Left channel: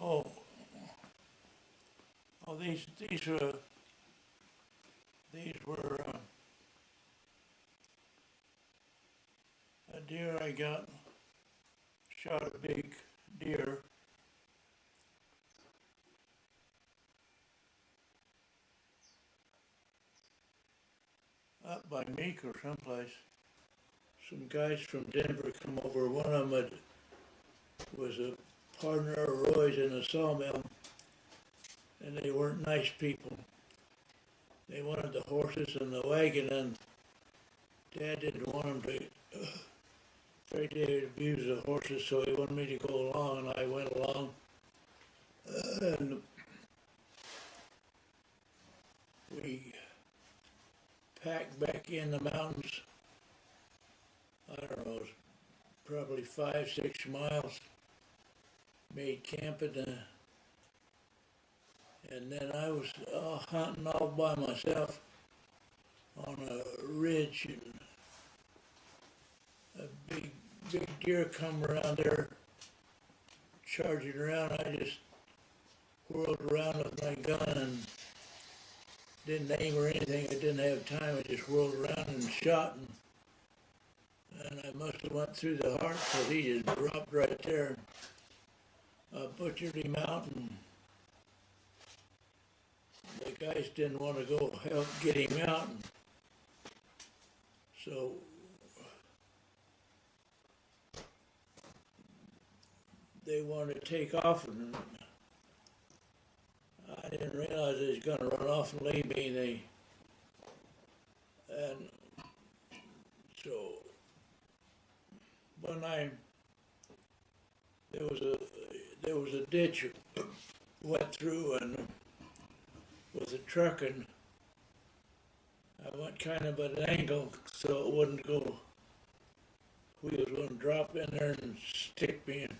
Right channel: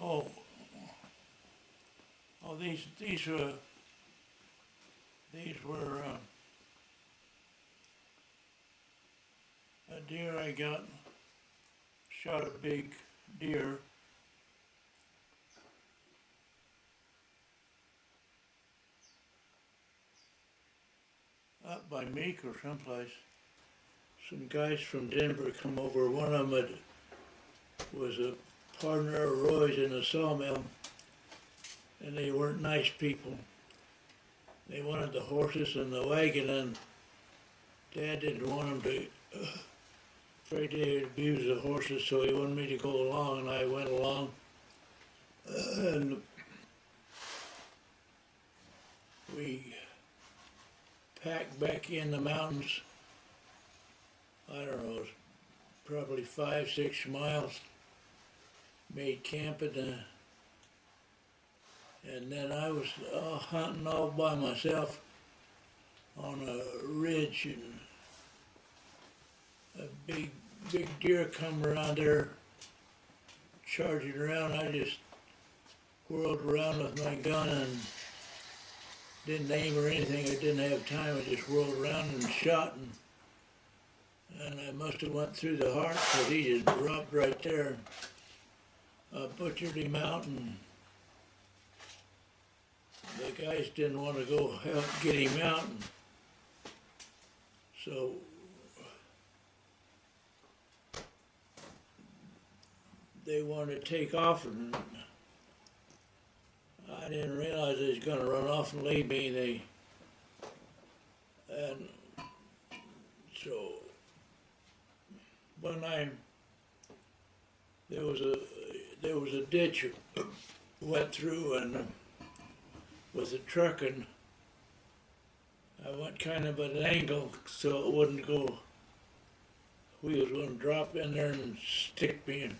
Oh, oh, these were a deer I got. Shot a big deer up by Meek or someplace. Some guys from Denver come over. One of them was a partner of Roy's in the sawmill, and they weren't nice people. They wanted the horses and the wagon, and Dad didn't want them to, afraid they'd abuse the horses, so he wanted me to go along, and I went along. And we packed back in the mountains. I don't know, it was probably 5, 6 miles. Made camp and then I was hunting all by myself on a ridge, and a big deer come around there, charging around. I just whirled around with my gun and didn't aim or anything. I didn't have time. I just whirled around and shot, and I must have went through the heart because he just dropped right there. I butchered him out, and the guys didn't want to go help get him out. And so they wanted to take off, and I didn't realize they was going to run off and leave me. And so when there was a ditch that went through, and with the truck, and I went kind of at an angle so it wouldn't go. Wheels wouldn't drop in there and stick me,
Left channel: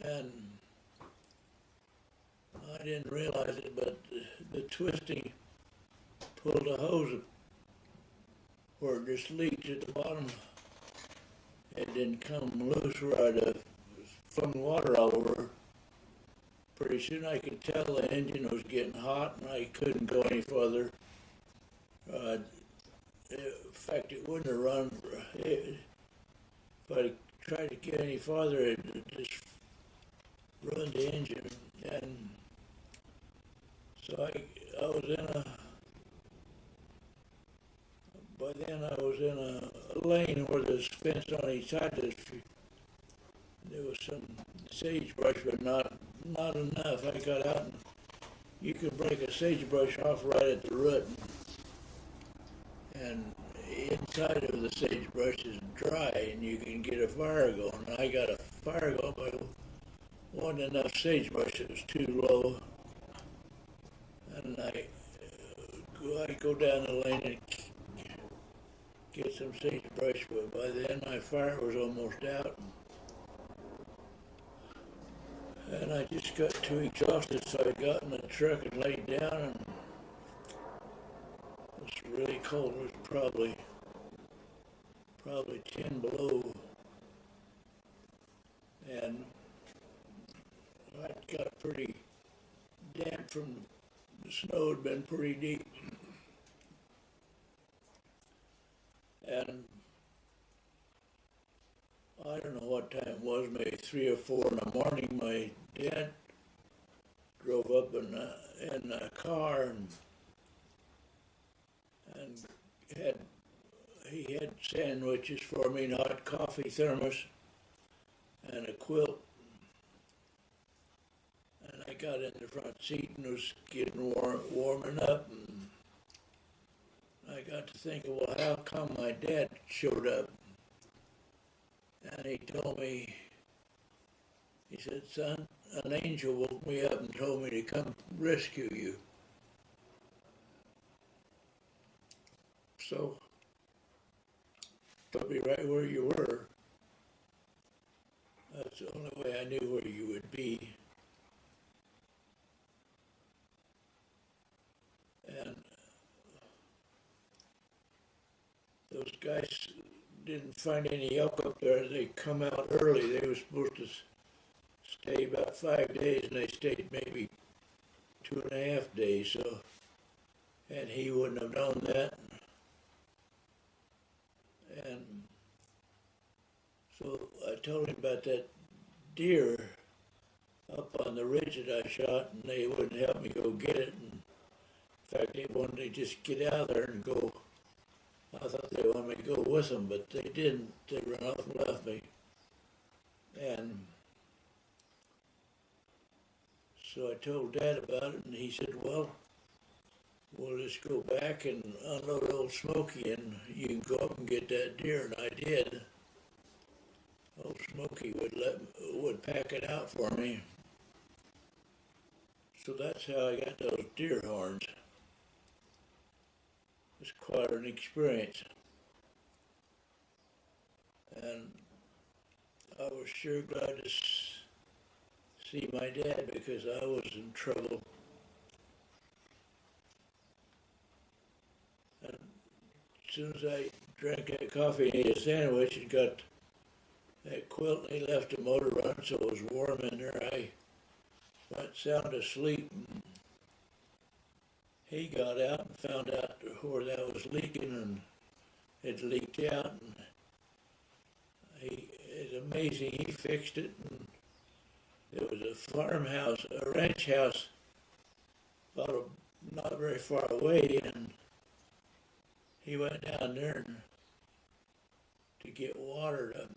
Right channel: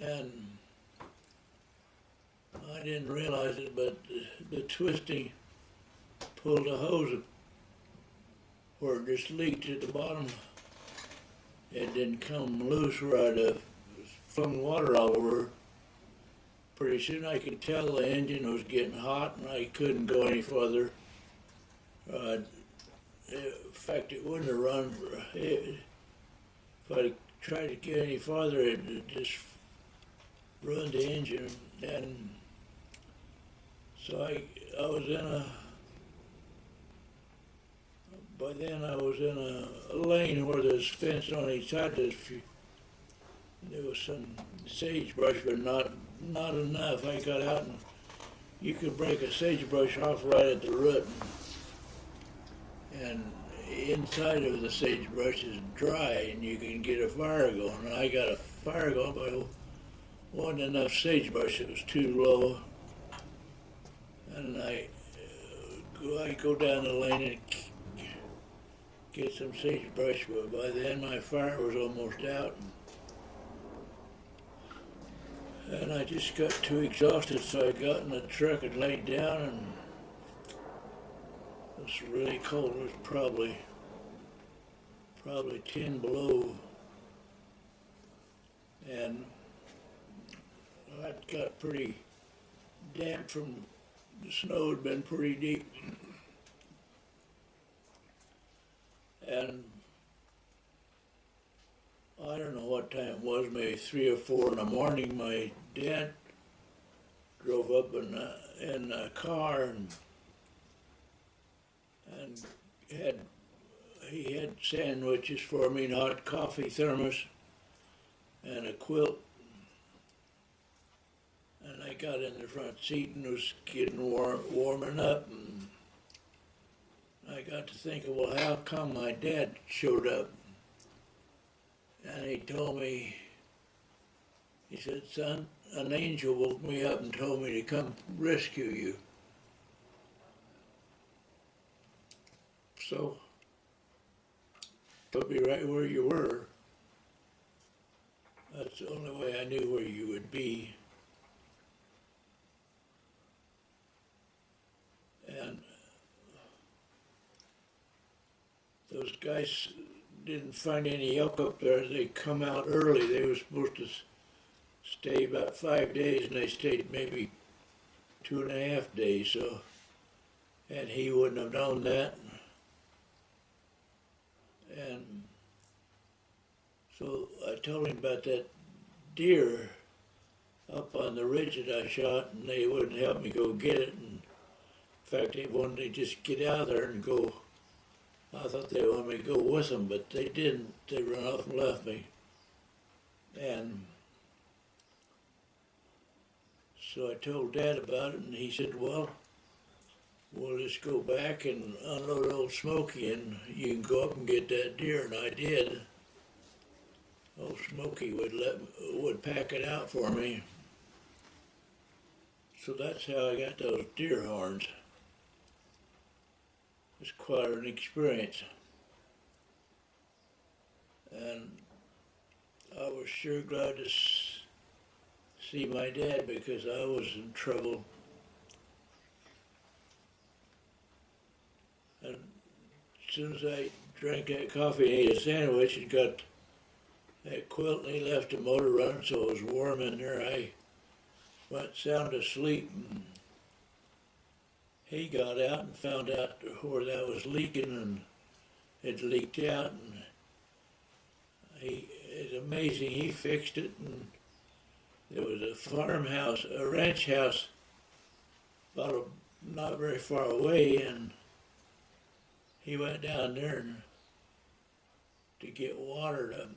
and I didn't realize it, but the twisting pulled the hose where it just leaked at the bottom. It didn't come loose where I'd have flung water all over. Pretty soon I could tell the engine was getting hot, and I couldn't go any further. In fact, it wouldn't have run. If I tried to get any further, it just run the engine. And so I was in by then I was in a lane where there's fence on each side. There was some sagebrush, but not enough. I got out, and you could break a sagebrush off right at the root. And inside of the sagebrush is dry, and you can get a fire going. And I got a fire going, but there wasn't enough sagebrush. It was too low. And I go down the lane and get some sagebrush, but by then my fire was almost out. And I just got too exhausted, so I got in the truck and laid down, and it's really cold. It's probably 10 below. And I got pretty damp from the snow had been pretty deep. And I don't know what time it was, maybe 3 or 4 in the morning. My dad drove up in a car, and he had sandwiches for me, and hot coffee thermos, and a quilt. And I got in the front seat and was getting warming up, and I got to thinking, well, how come my dad showed up? And he told me, he said, son, an angel woke me up and told me to come rescue you. So, put me right where you were. That's the only way I knew where you would be. And those guys didn't find any elk up there. They come out early. They were supposed to stayed about 5 days, and I stayed maybe 2.5 days, so, and he wouldn't have known that. And so I told him about that deer up on the ridge that I shot, and they wouldn't help me go get it. And in fact, they wanted to just get out there and go. I thought they wanted me to go with them, but they didn't. They ran off and left me. And so I told Dad about it, and he said, well, we'll just go back and unload old Smokey, and you can go up and get that deer. And I did. Old Smokey would pack it out for me. So that's how I got those deer horns. It's quite an experience. And I was sure glad to see my dad, because I was in trouble. And as soon as I drank that coffee, ate a sandwich, and got that quilt, and he left the motor running so it was warm in there, I went sound asleep. He got out and found out where that was leaking, and it leaked out. And it's amazing, he fixed it, and there was a farmhouse, a ranch house, not very far away, and he went down there to get water to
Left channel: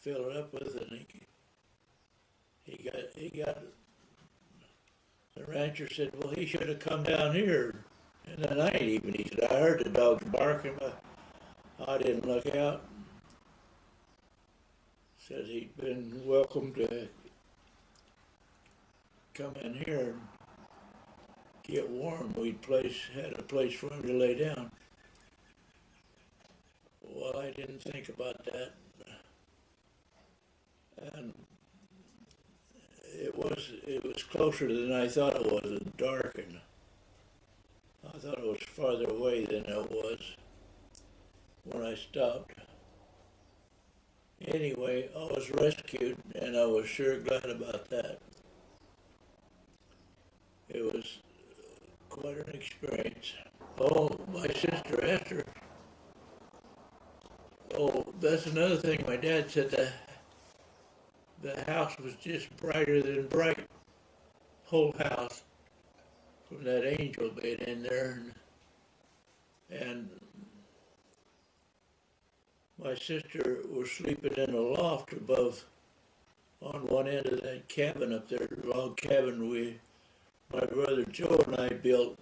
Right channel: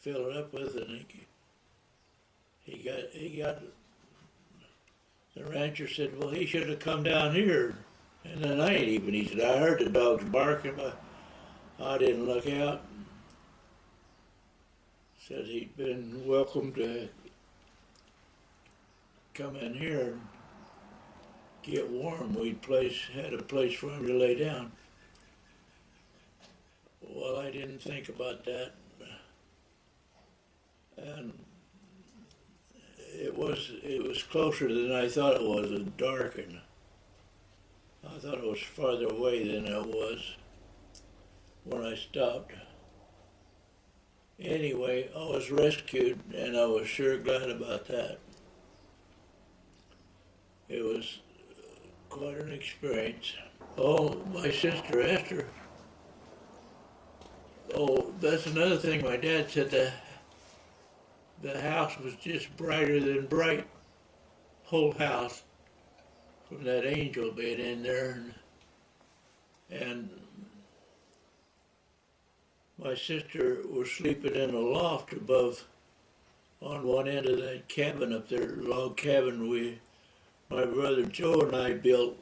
fill it up with, and he got the rancher said, well, he should have come down here in the night even. He said, I heard the dogs barking, but I didn't look out. Said he'd been welcome to come in here and get warm. Had a place for him to lay down. Well, I didn't think about that. And it was closer than I thought it was. It darkened. I thought it was farther away than it was when I stopped. Anyway, I was rescued, and I was sure glad about that. It was quite an experience. Oh, my sister Esther. Oh, that's another thing. My dad said that the house was just brighter than bright. Whole house, from that angel bed in there. And my sister was sleeping in a loft above, on one end of that cabin up there, log cabin my brother Joe and I built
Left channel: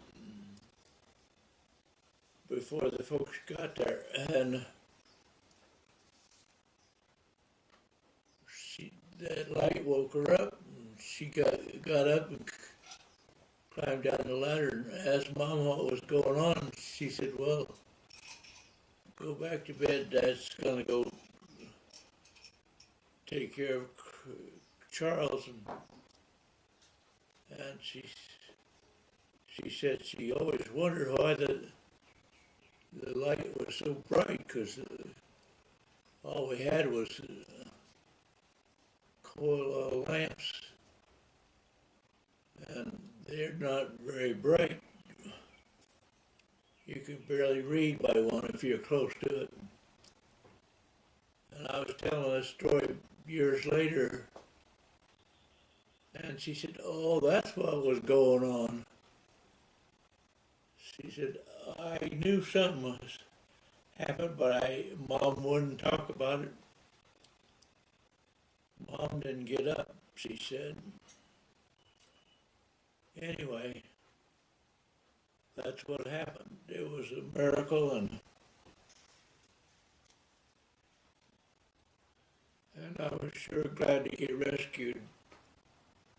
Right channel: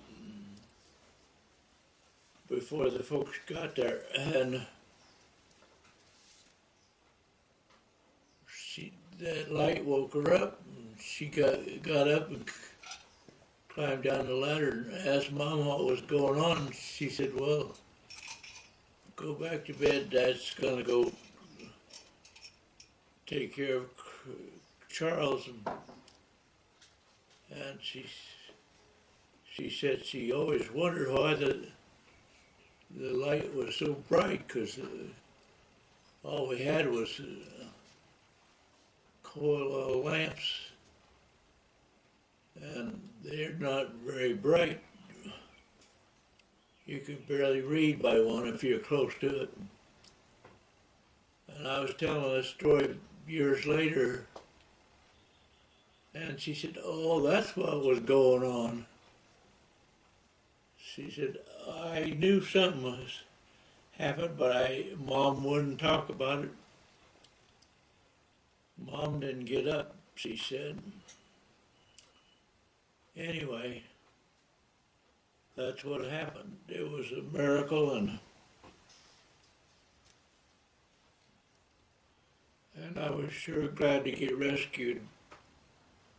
before the folks got there. And that light woke her up, and she got up and climbed down the ladder and asked Mom what was going on. And she said, well, go back to bed. Dad's gonna go take care of Charles. And she said she always wondered why the light was so bright, because all we had was coil lamps, and they're not very bright. You can barely read by one if you're close to it. And I was telling a story years later, and she said, oh, that's what was going on. She said, I knew something was happening, but Mom wouldn't talk about it. Mom didn't get up, she said. Anyway, that's what happened. It was a miracle, and I was sure glad to get rescued,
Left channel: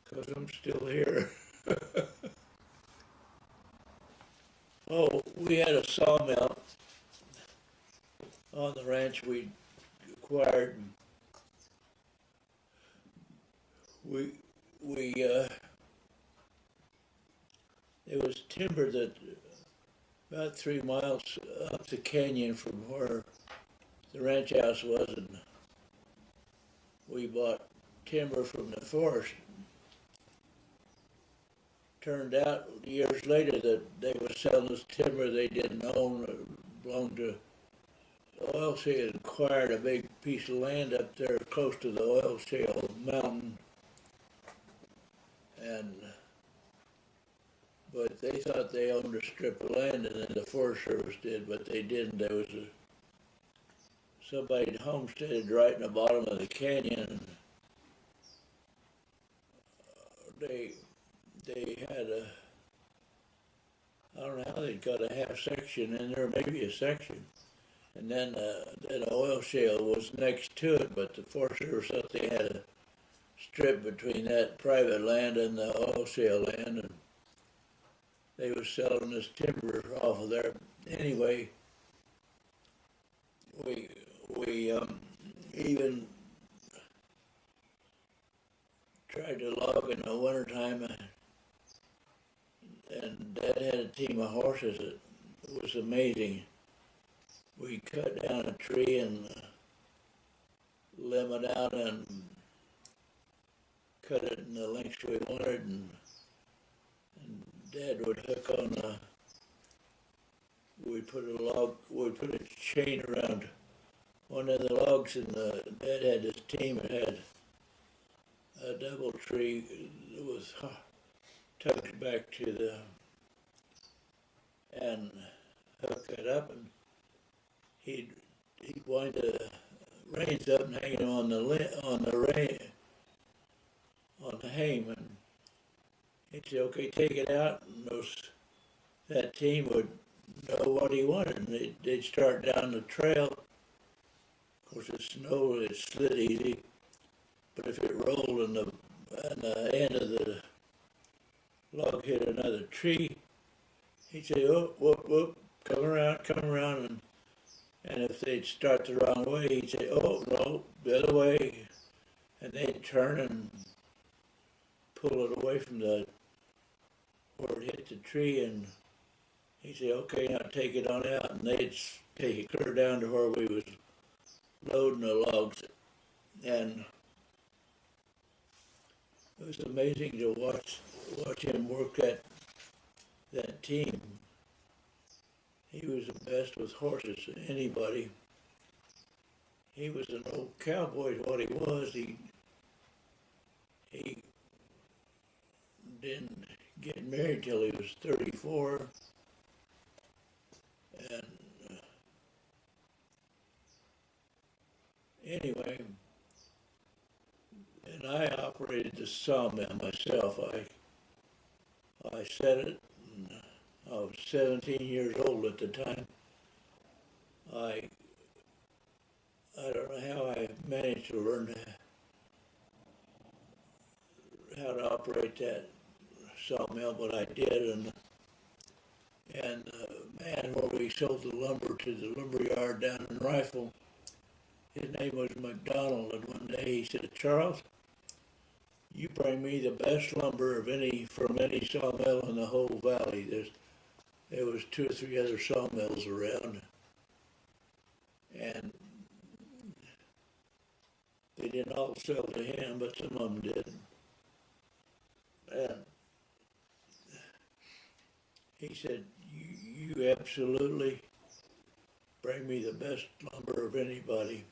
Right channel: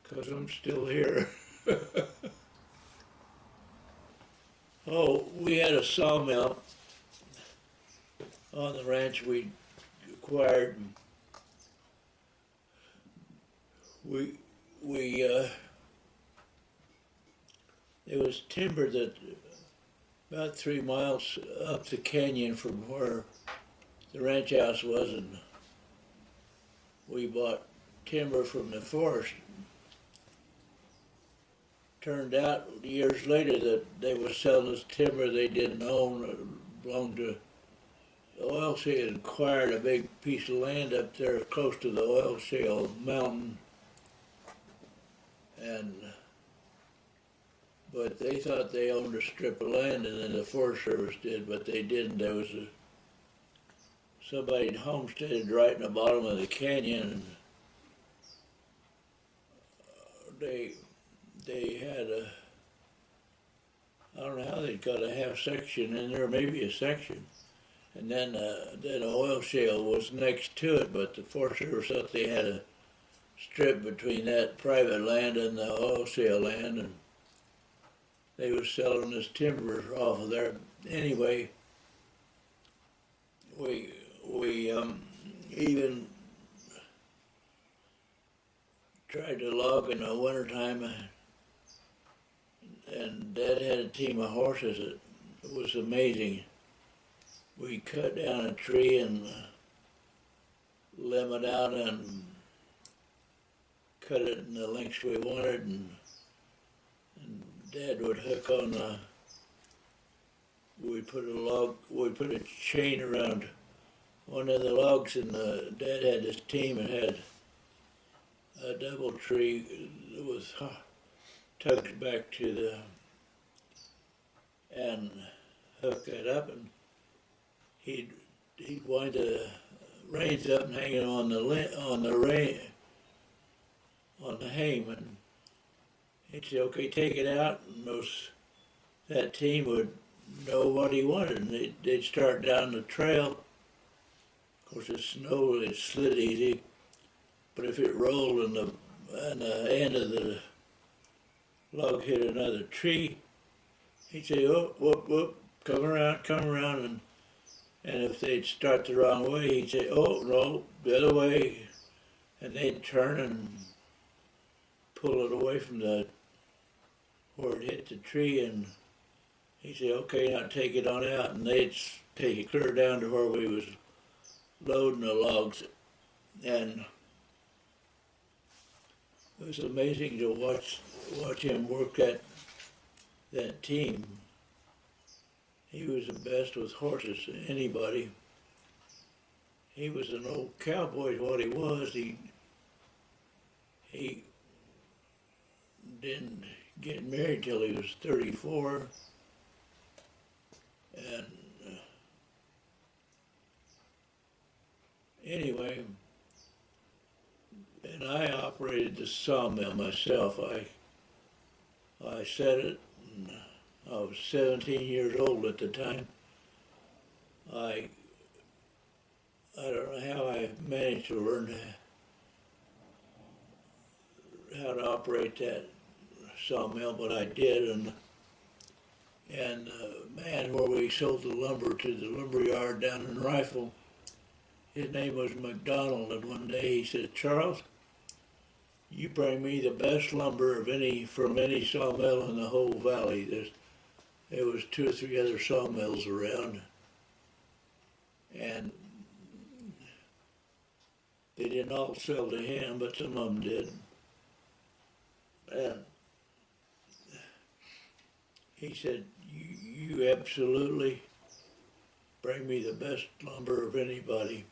because I'm still here. Oh, we had a sawmill on the ranch we acquired. And there was timber that about 3 miles up the canyon from where the ranch house was, and we bought timber from the forest. Turned out years later that they were selling this timber they didn't own. It belonged to the oil shale. Had acquired a big piece of land up there close to the oil shale mountain, and but they thought they owned a strip of land, and then the Forest Service did, but they didn't. There was somebody had homesteaded right in the bottom of the canyon, and they had a, I don't know how they got a half section in there, maybe a section, and then oil shale was next to it, but the Forest Service thought they had a strip between that private land and the oil shale land, and they were selling this timber off of there. Anyway, we even tried to log in the wintertime, and Dad had a team of horses. It was amazing. We cut down a tree and limb it out and cut it in the lengths we wanted, and Dad would hook on we put a chain around one of the logs, and Dad had his team and had a double tree that was tucked back to and hook it up, and he'd wind the reins up and hang it on the hame, and he'd say, "Okay, take it out," and that team would know what he wanted, and they'd start down the trail. Of course, it snowed, it slid easy, but if it rolled and the end of the log hit another tree, he'd say, "Oh, whoop, whoop, come around," and if they'd start the wrong way, he'd say, "Oh, no, the other way," and they'd turn and pull it away from where it hit the tree, and he'd say, "Okay, now take it on out," and they'd take it clear down to where we was loading the logs, and it was amazing to watch him work that team. He was the best with horses than anybody. He was an old cowboy is what he was. He didn't get married till he was 34, and anyway, and I operated the sawmill myself. I set it. I was 17 years old at the time. I don't know how I managed to learn how to operate that sawmill, but I did, and man, where we sold the lumber to the lumber yard down in Rifle, his name was McDonald, and one day he said, "Charles, you bring me the best lumber from any sawmill in the whole valley." There was 2 or 3 other sawmills around, and they didn't all sell to him, but some of them did. And he said, "You absolutely bring me the best lumber of anybody."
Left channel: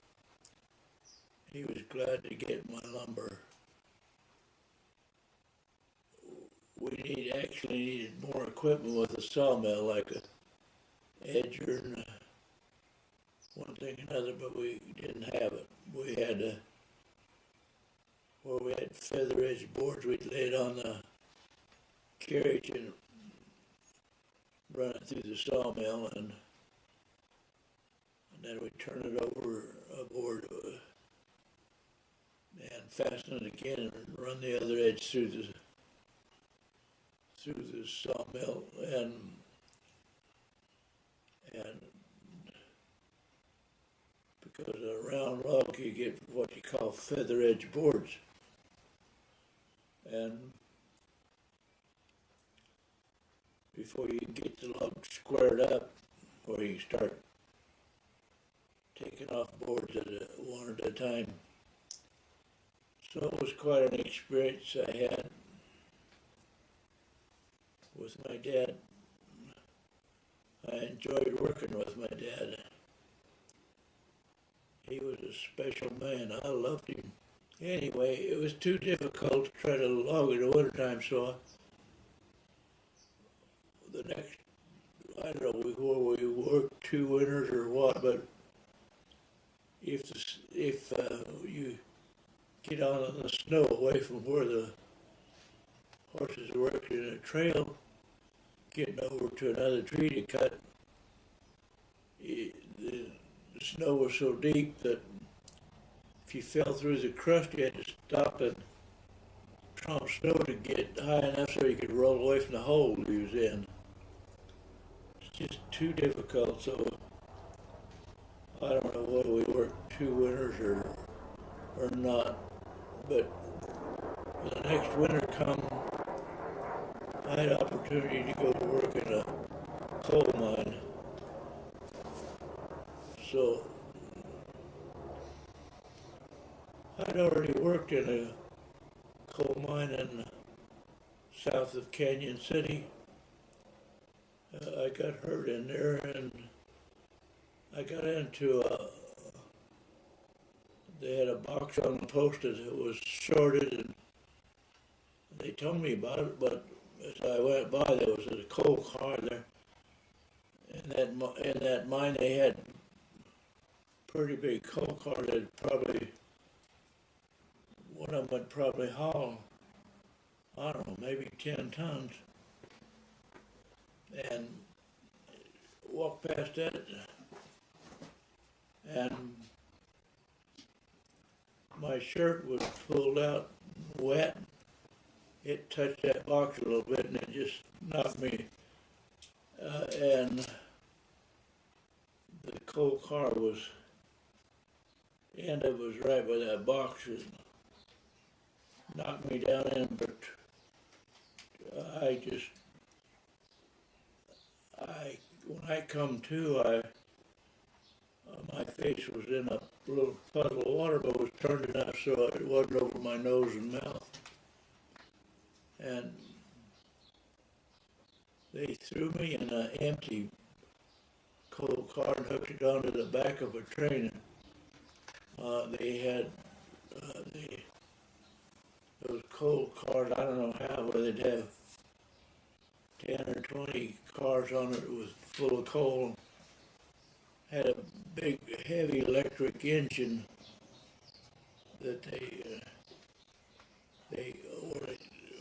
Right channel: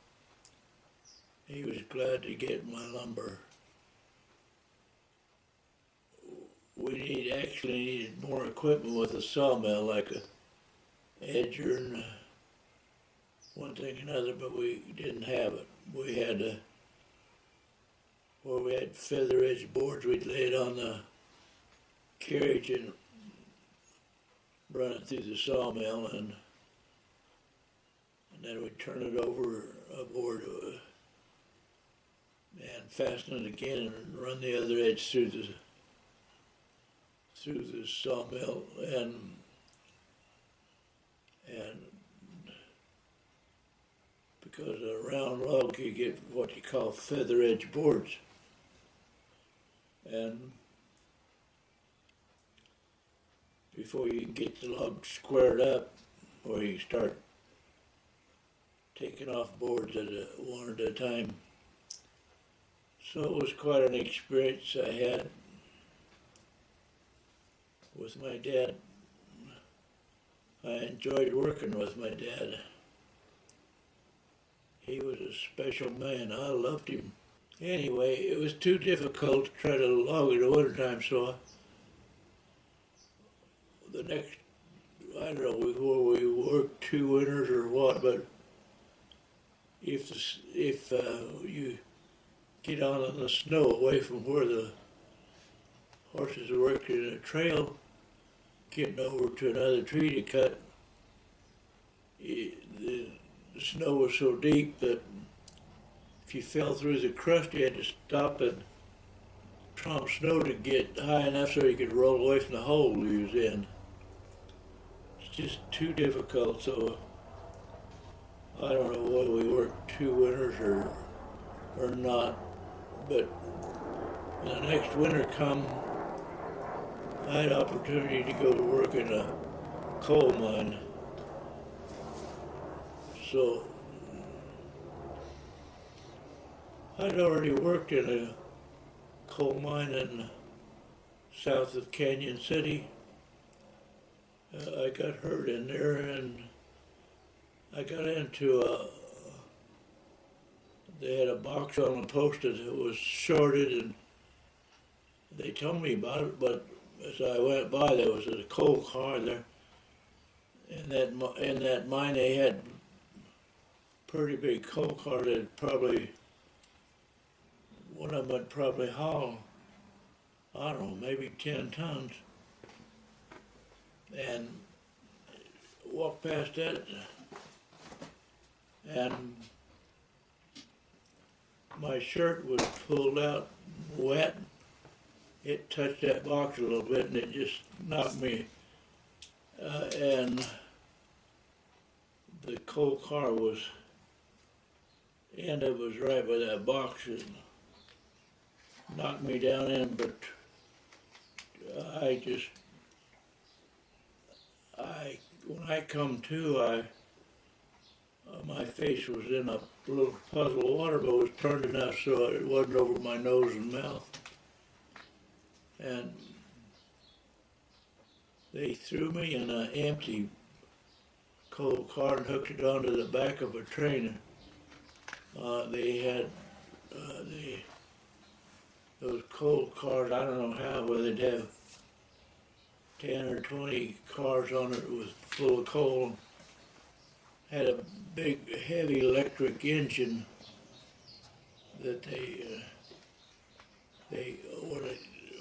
He was glad to get my lumber. We actually needed more equipment with a sawmill, like a edger and one thing and another, but we didn't have it. We had feather edge boards. We'd lay it on the carriage and run it through the sawmill, and then we'd turn it over a board and fasten it again and run the other edge through the sawmill, and because a round log you get what you call feather edge boards, and before you get the log squared up, or you start taking off boards one at a time. So it was quite an experience I had with my dad. I enjoyed working with my dad. He was a special man. I loved him. Anyway, it was too difficult to try to log in the wintertime, so the next, I don't know whether we worked 2 winters or what, but if you get out on the snow away from where the horses are working the trail, getting over to another tree to cut, the snow was so deep that if you fell through the crust, you had to stop and tromp snow to get high enough so you could roll away from the hole you was in. It's just too difficult, so I don't know whether we worked 2 winters or not, but when the next winter come, I had opportunity to go to work in a coal mine. So I'd already worked in a coal mine in south of Canyon City. I got hurt in there, and I got into they had a box on a post that was shorted, and they told me about it, but as I went by, there was a coal car there. In that mine, they had pretty big coal car that probably, one of them would probably haul, I don't know, maybe 10 tons. And walked past that, and my shirt was pulled out wet. It touched that box a little bit, and it just knocked me. And the coal car was, the end of it was right by that box, and knocked me down in, but when I come to, my face was in a little puddle of water, but it was turned enough so it wasn't over my nose and mouth. And they threw me in an empty coal car and hooked it onto the back of a train. They had those coal cars, I don't know how, whether they'd have 10 or 20 cars on it with full of coal. Had a big, heavy electric engine that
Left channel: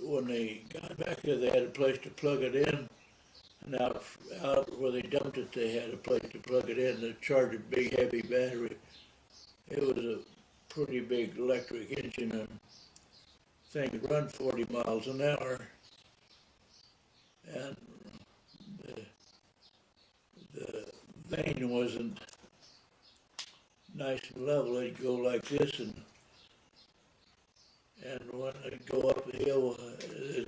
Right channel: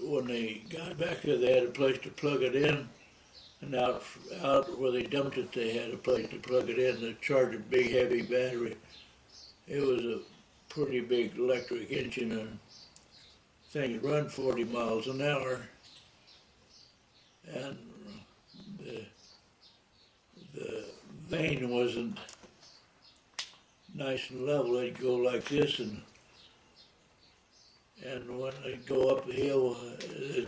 when they got back there, they had a place to plug it in, and out where they dumped it, they had a place to plug it in to charge a big, heavy battery. It was a pretty big electric engine, and things run 40 miles an hour, and the vane wasn't nice and level. It'd go like this, and when they go up the hill, there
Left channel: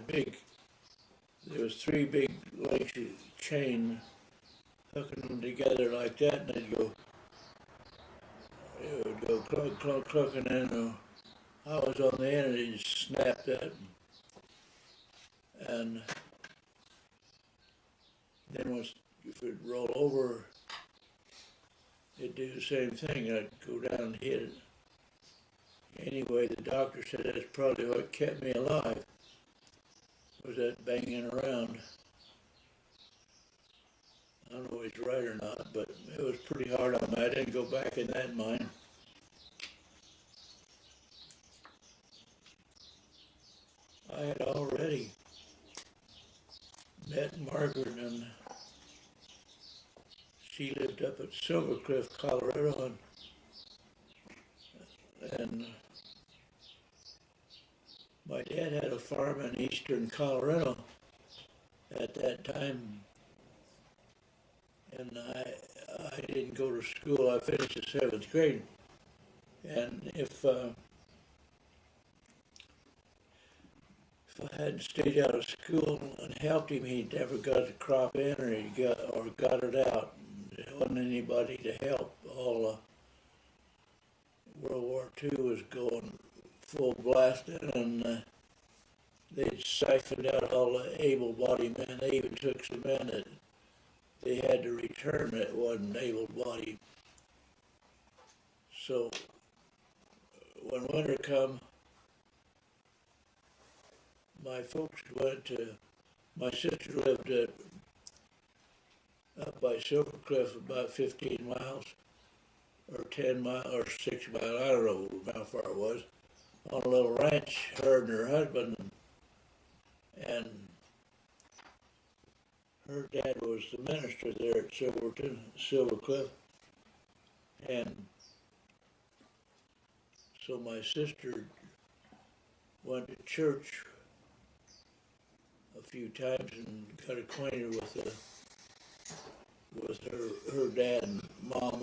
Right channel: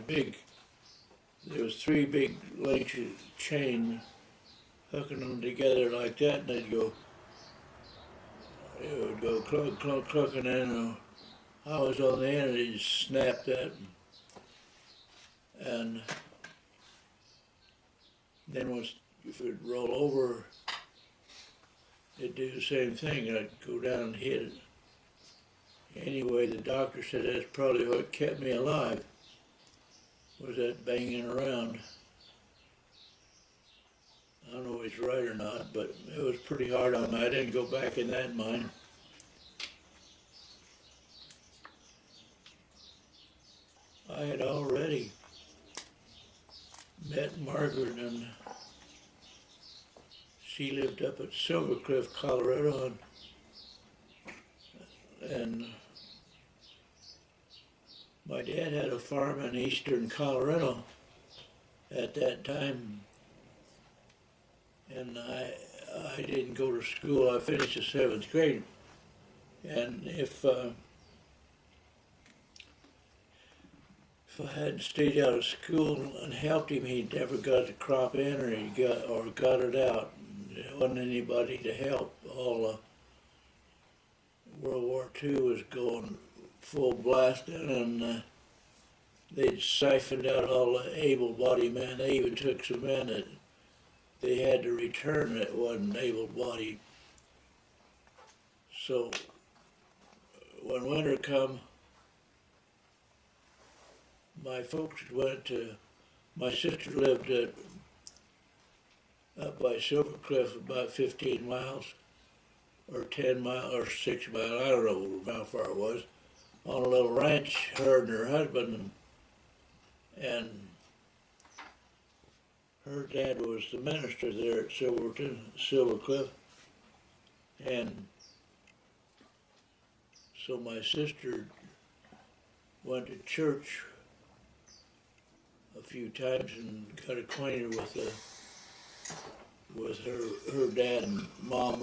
was 3 big lengths of chain hooking them together like that, and they'd go, it would go cluck, cluck, cluck, and then I was on the end, and he snapped that, and then if it'd roll over, it'd do the same thing. I'd go down and hit it. Anyway, the doctor said that's probably what kept me alive, was that banging around. I don't know if he's right or not, but it was pretty hard on me. I didn't go back in that mine. I had already met Margaret, and she lived up at Silver Cliff, Colorado, and my dad had a farm in eastern Colorado at that time, and I didn't go to school. I finished the 7th grade, and if I hadn't stayed out of school and helped him, he'd never got the crop in, or got it out. There wasn't anybody to help. All World War II was going full blast in, and they'd siphoned out all the able-bodied men. They even took some men that they had to return that wasn't able-bodied. So when winter come, my folks went to, my sister lived up by Silver Cliff about 15 miles, or 10 miles, or 6 miles, I don't know how far it was, on a little ranch, her and her husband, and her dad was the minister there at Silver Cliff, and so my sister went to church a few times and got acquainted with her dad and mom,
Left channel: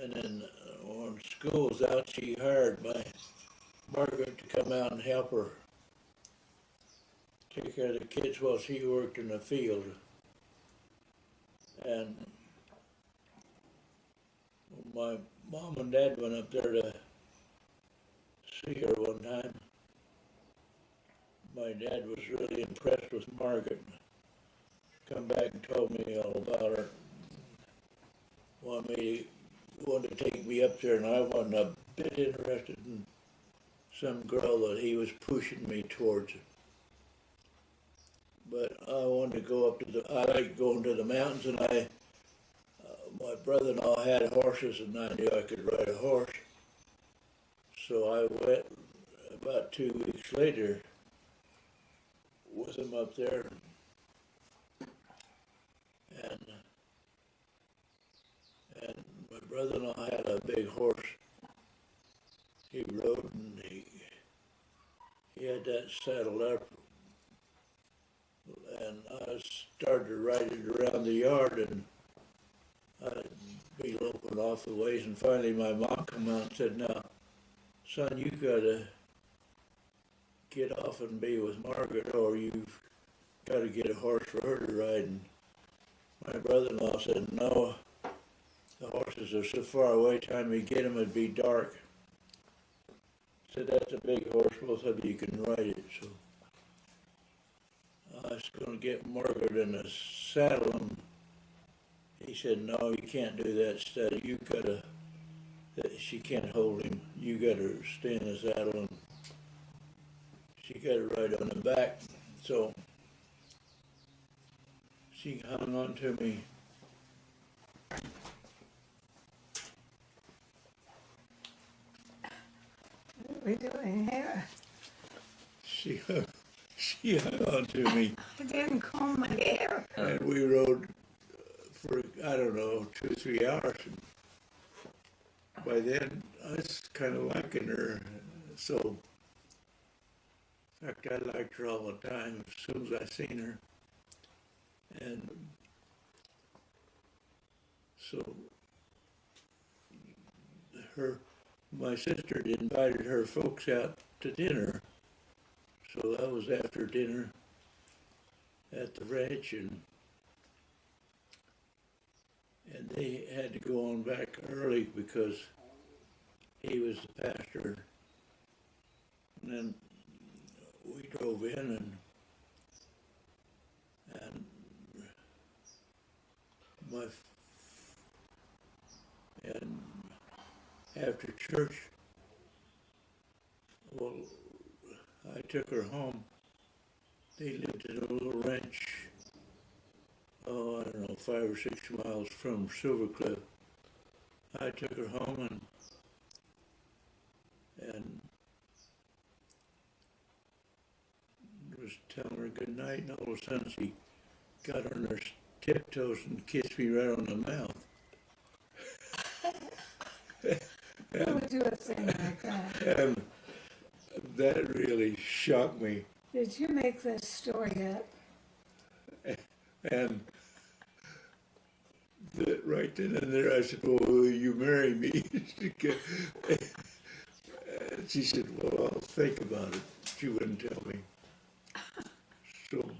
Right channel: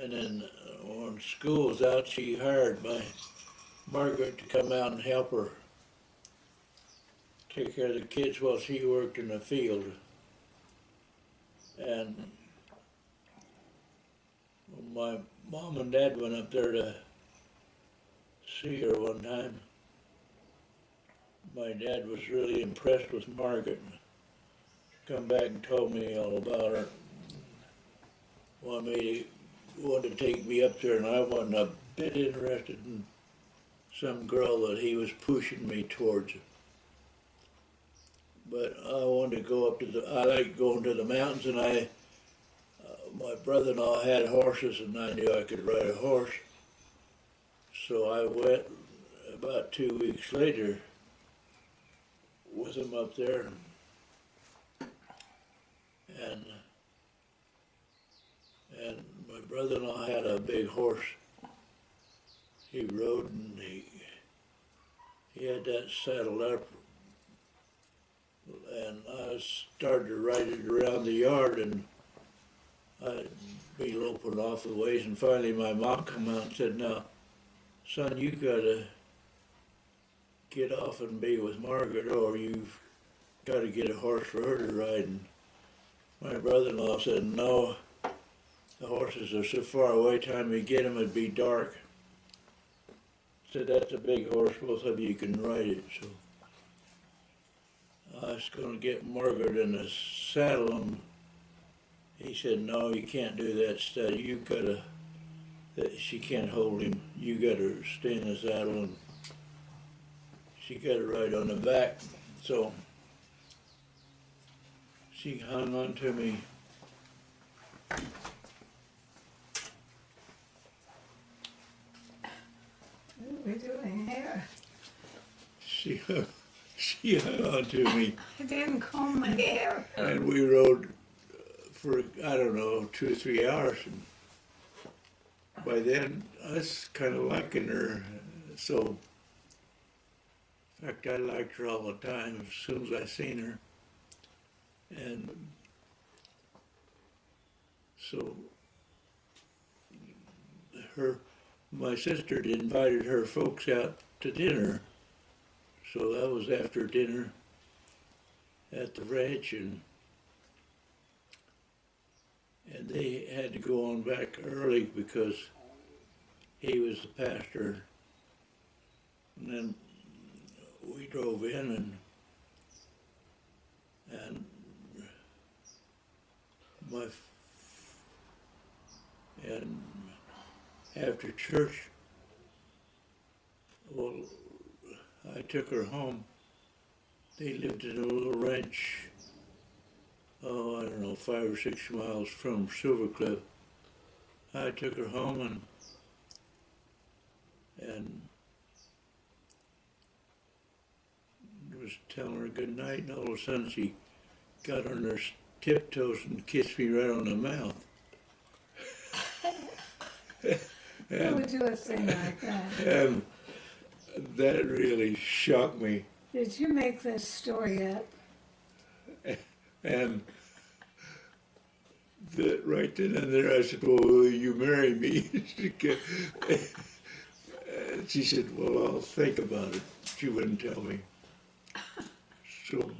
and then when school was out, she hired my Margaret to come out and help her take care of the kids while she worked in the field. And my mom and dad went up there to see her one time. My dad was really impressed with Margaret. Come back and told me all about her. Wanted to take me up there, and I wasn't a bit interested in some girl that he was pushing me towards. But I wanted to go up to I like going to the mountains, and my brother-in-law had horses, and I knew I could ride a horse. So I went about 2 weeks later with him up there, and my brother-in-law had a big horse he rode, and he had that saddled up, and I started riding around the yard, and I'd be loping off the ways, and finally my mom came out and said, "Now, son, you gotta get off and be with Margaret, or you've got to get a horse for her to ride." And my brother-in-law said, "No, the horses are so far away, time you get them, it'd be dark." Said, "That's a big horse, both of you can ride it." So I was going to get Margaret in the saddle, and he said, "No, you can't do that steady. You gotta, she can't hold him. You gotta stay in the saddle, and she gotta ride on the back." So she hung on to me. What are we doing here? She hung on to me. I didn't comb my hair. And we rode for, I don't know, 2 or 3 hours. By then, I was kind of liking her. So, in fact, I liked her all the time as soon as I seen her. And so, my sister had invited her folks out to dinner. So that was after dinner at the ranch, and they had to go on back early because he was the pastor. And then we drove in, and after church, well, I took her home. They lived in a little ranch, I don't know, 5 or 6 miles from Silver Cliff. I took her home and was telling her good night, and all of a sudden she got on her tiptoes and kissed me right on the mouth. Who would do a thing like that? And that really shocked me. Did you make this story yet? And right then and there, I said, "Well, will you marry me?" And she said, "Well, I'll think about it." She wouldn't tell me. So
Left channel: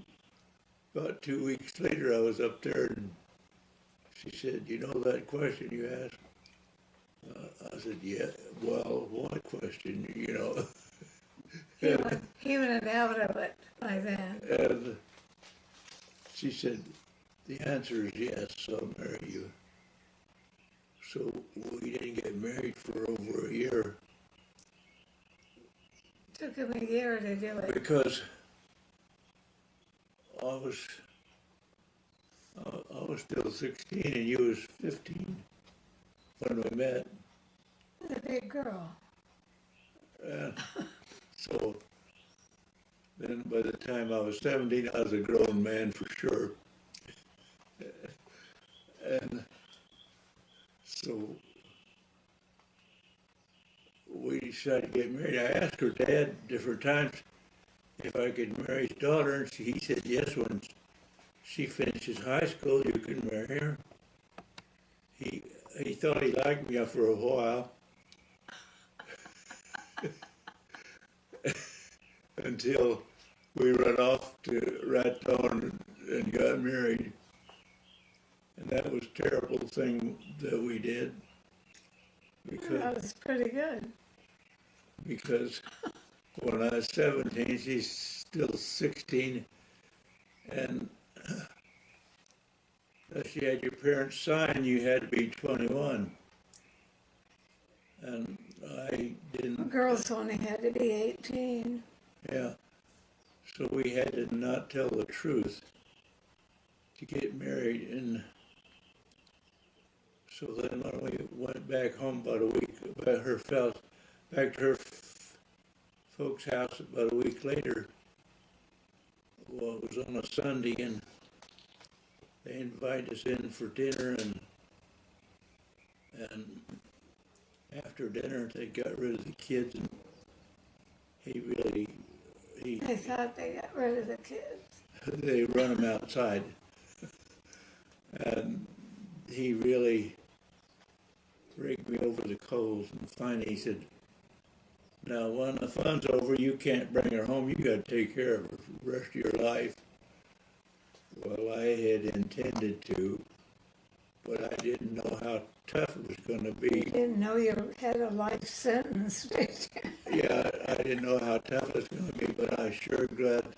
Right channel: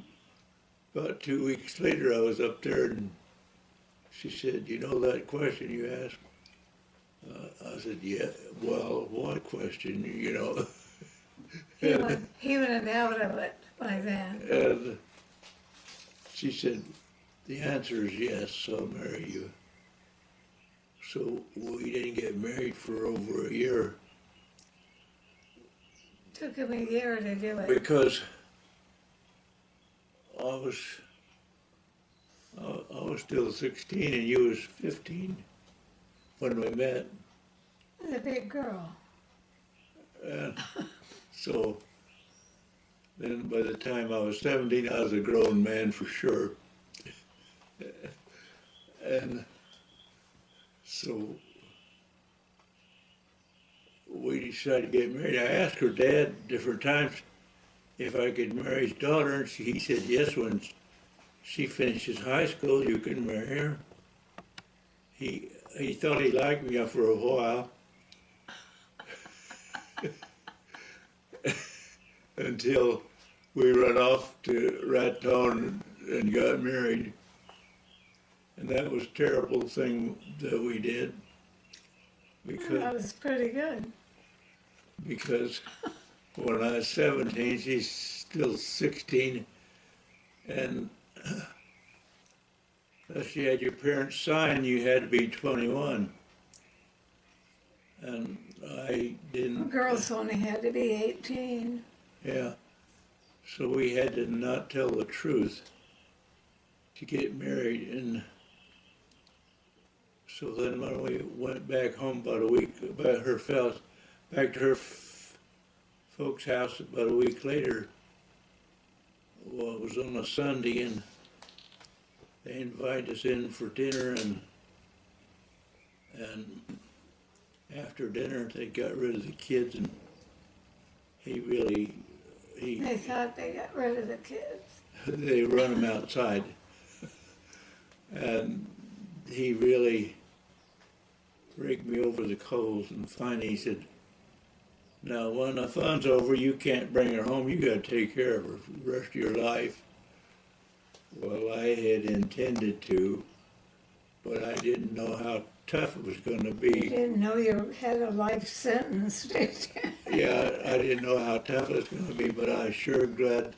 about 2 weeks later, I was up there, and she said, "You know that question you asked?" I said, "Yeah." "Well, what question, you know. He went out of it by then. She said, the answer is yes, I'll marry you. So we didn't get married for over a year Took him a year to do it. because I was still 16 and you was 15 when we met. The big girl. And so then by the time I was 17, I was a grown man for sure. And so we decided to get married. I asked her dad different times if I could marry his daughter, and he said yes, when she finishes high school, you can marry her. He thought he liked me for a while. Until we ran off to Raton and got married. And that was a terrible thing that we did. That was pretty good. Because when I was 17, she's still 16. And if you had your parents sign, you had to be 21. And I didn't. Girls only had to be 18. Yeah. So we had to not tell the truth to get married. And so then when we went back home about a week, back to her folks' house about a week later, well, it was on a Sunday, and they invited us in for dinner, and after dinner they got rid of the kids, and They thought they got rid of the kids. they run them outside, and he really raked me over the coals, and finally he said, now when the fun's over, you can't bring her home, you gotta take care of her for the rest of your life. Well, I had intended to, but I didn't know how tough it was gonna You be. didn't know you had a life sentence, did you? Yeah, I didn't know how tough it was gonna be, but I sure glad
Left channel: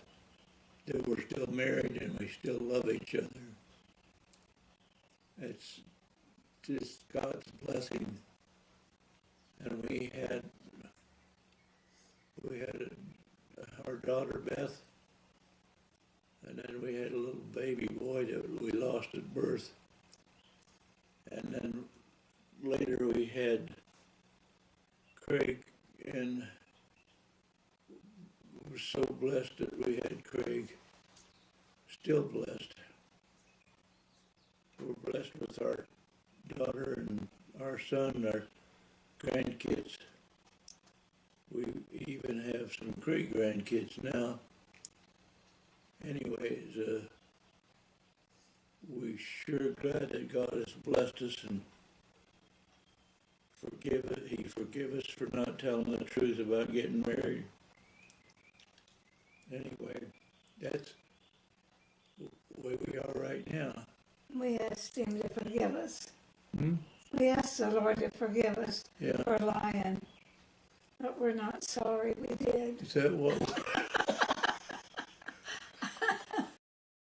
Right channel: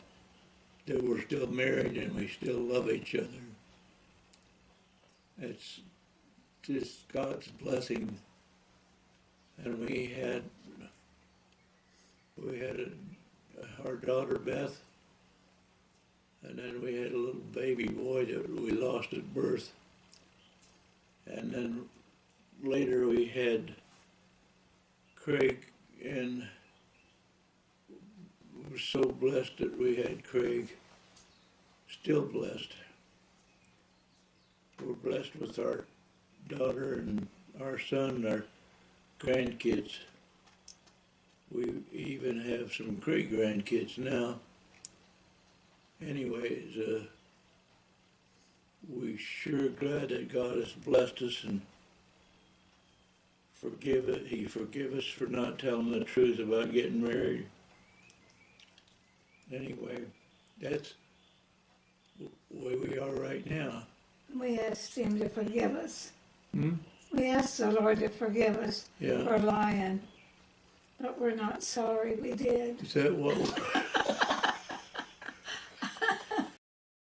that we're still married and we still love each other. It's just God's blessing. And we had our daughter Beth, and then we had a little baby boy that we lost at birth. And then later we had Craig, and we were so blessed that we had Craig. Still blessed. We're blessed with our daughter and our son and our grandkids. We even have some great grandkids now. Anyways, we sure glad that God has blessed us, and He forgive us for not telling the truth about getting married. Anyway, that's the way we are right now. We asked him to forgive us. Hmm? We asked the Lord to forgive us Yeah. for lying. But we're not sorry we did. Is that what?